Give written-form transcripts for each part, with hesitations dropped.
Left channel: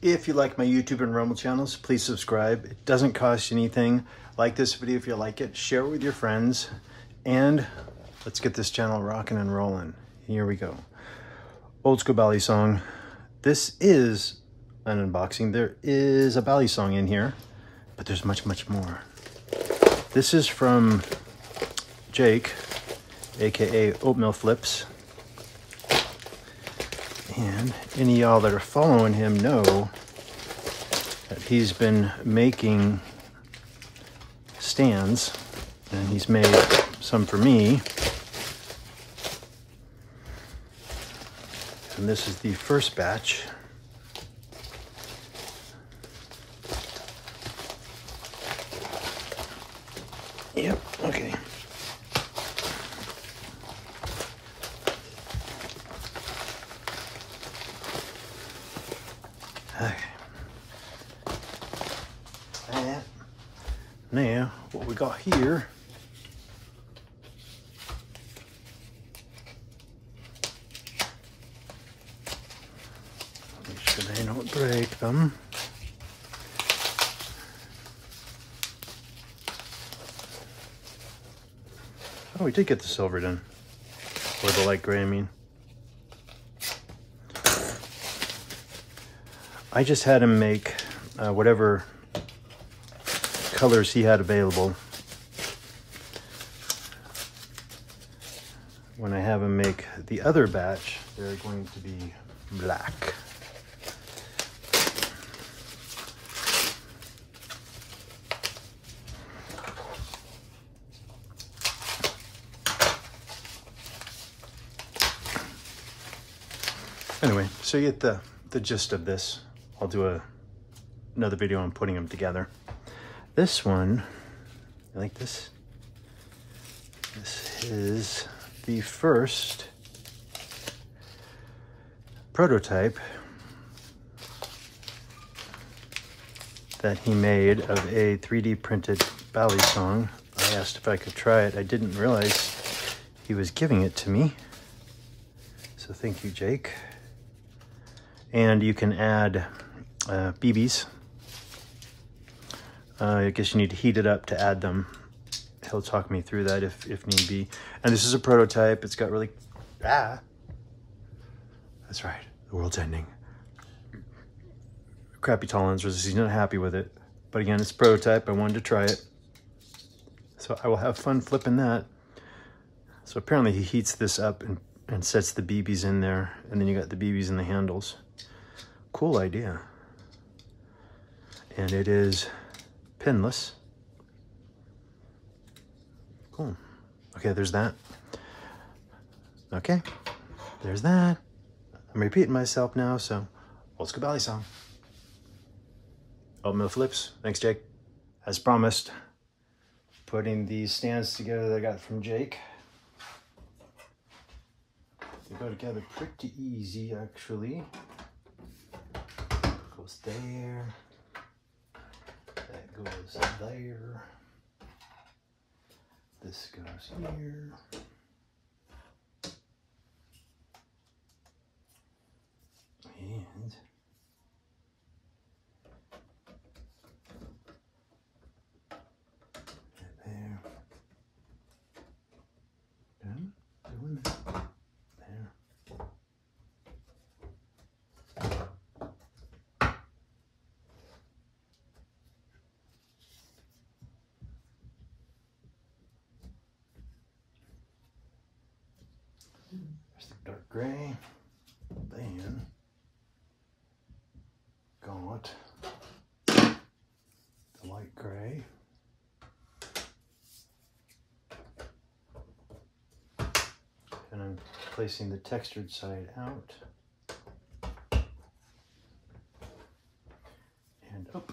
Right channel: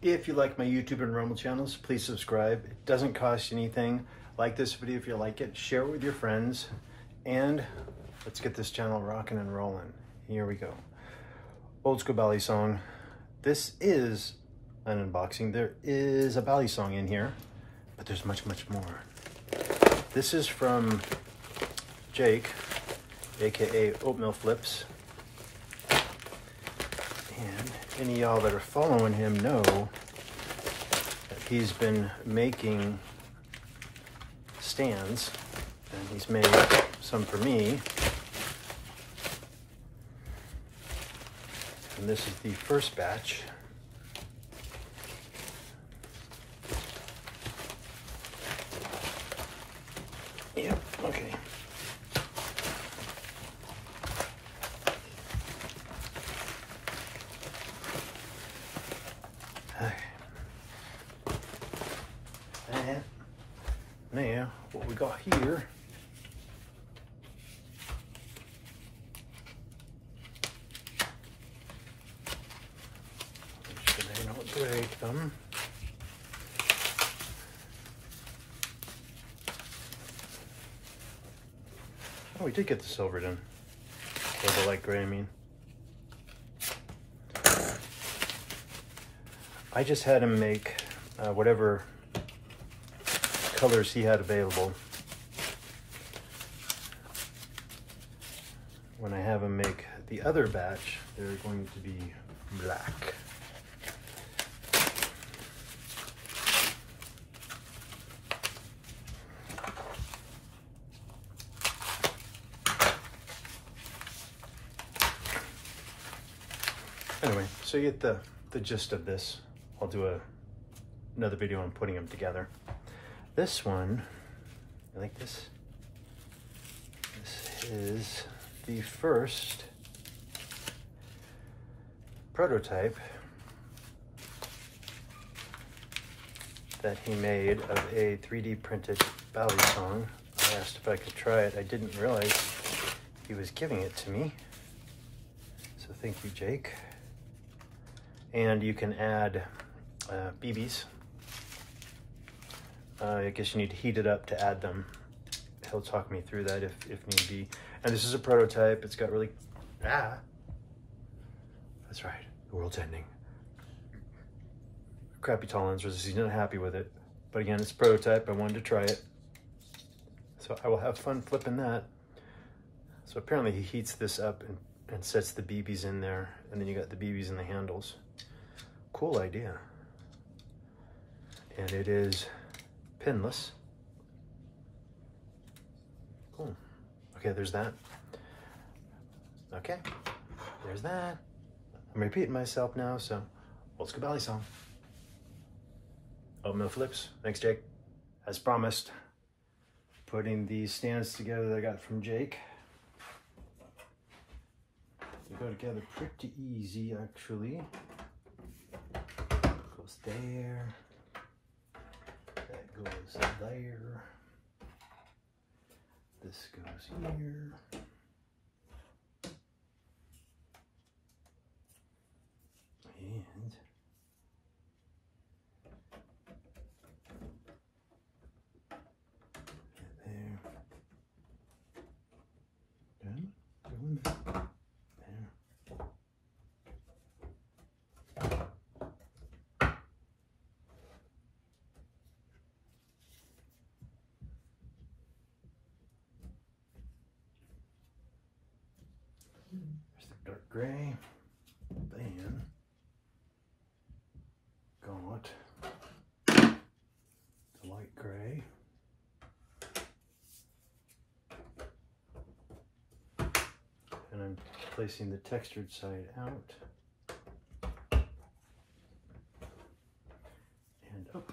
If you like my YouTube and Rumble channels, please subscribe. It doesn't cost you anything. Like this video if you like it, share it with your friends, and let's get this channel rocking and rolling. Here we go. Old School Balisong. This is an unboxing. There is a Balisong in here, but there's much, much more. This is from Jake, aka Oatmeal Flips. And any of y'all that are following him know that he's been making stands, and he's made some for me. And this is the first batch. Yep, okay. Now, what we got here make sure they don't break them. Oh, we did get the silver done. Or the light gray, I mean. I just had him make whatever colors he had available. When I have him make the other batch, they're going to be black. Anyway, so you get the gist of this. I'll do another video on putting them together. This one, you like this? This is the first prototype that he made of a 3D printed Balisong. I asked if I could try it. I didn't realize he was giving it to me. So thank you, Jake. And you can add BBs. I guess you need to heat it up to add them. He'll talk me through that if need be. And this is a prototype. It's got really... That's right. The world's ending. Crappy tolerances. He's not happy with it. But again, it's a prototype. I wanted to try it. So I will have fun flipping that. So apparently he heats this up and sets the BBs in there. And then you got the BBs in the handles. Cool idea. And it is pinless. Cool. Okay, there's that. Okay, there's that. I'm repeating myself now, so Old School Balisong. Oatmeal Flips. Thanks, Jake. As promised, putting these stands together that I got from Jake. They go together pretty easy, actually. Goes there. That goes there. This goes here. And right there. Done. Doing that. There. There's the dark gray. Then got the light gray. And I'm placing the textured side out and up.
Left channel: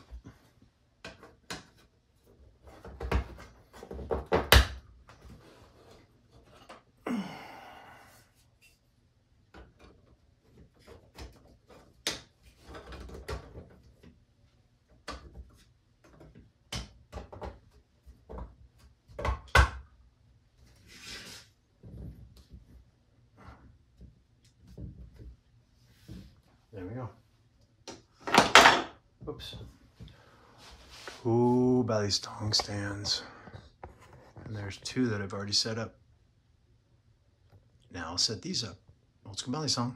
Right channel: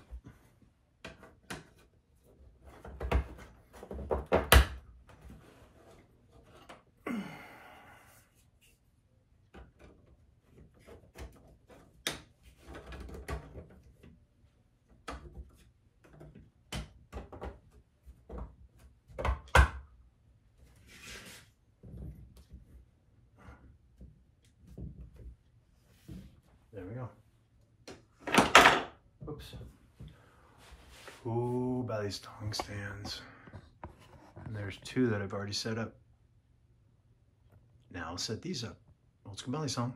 There we go. Oops. Ooh, Balisong stands. And there's 2 that I've already set up. Now I'll set these up. Old School Balisong.